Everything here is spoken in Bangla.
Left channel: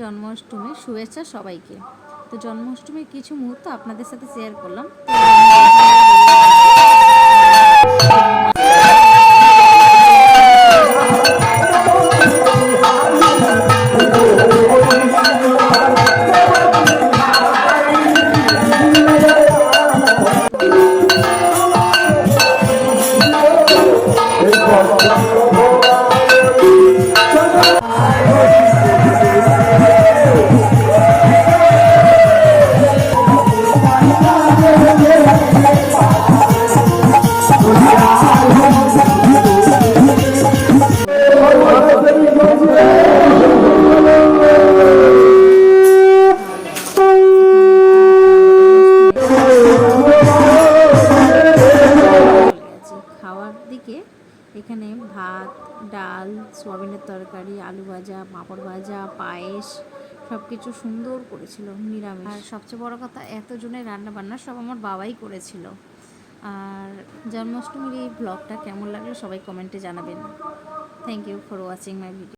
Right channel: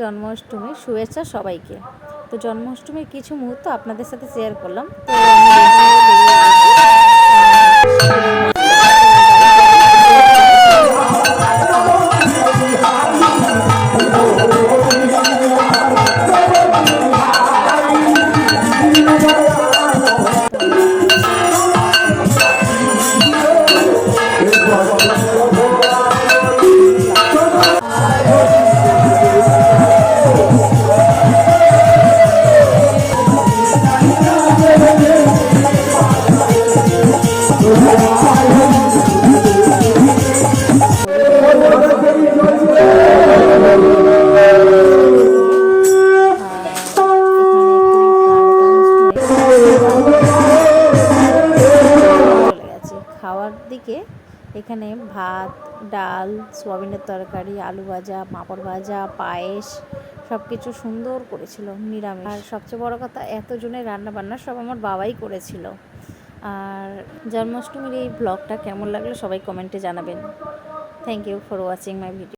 জন্মাষ্টমীর শুভেচ্ছা সবাইকে। তো জন্মাষ্টমীর কিছু মুহূর্ত আপনাদের সাথে শেয়ার করলাম। তো খাওয়ার দিকে এখানে ভাত, ডাল, সোয়াবিনের তরকারি, আলু ভাজা, পাঁপড় ভাজা, পায়েস সব কিছু সুন্দর করেছিল নিরামিষ। আর সবচেয়ে বড় কথা, এতজনের রান্না বান্না সব আমার বাবাই করেছিল। আর জন্মাষ্টমীর এই ব্লগটা কেমন লাগলো সবাই কমেন্টে জানাবেন। Thank you for watching my video.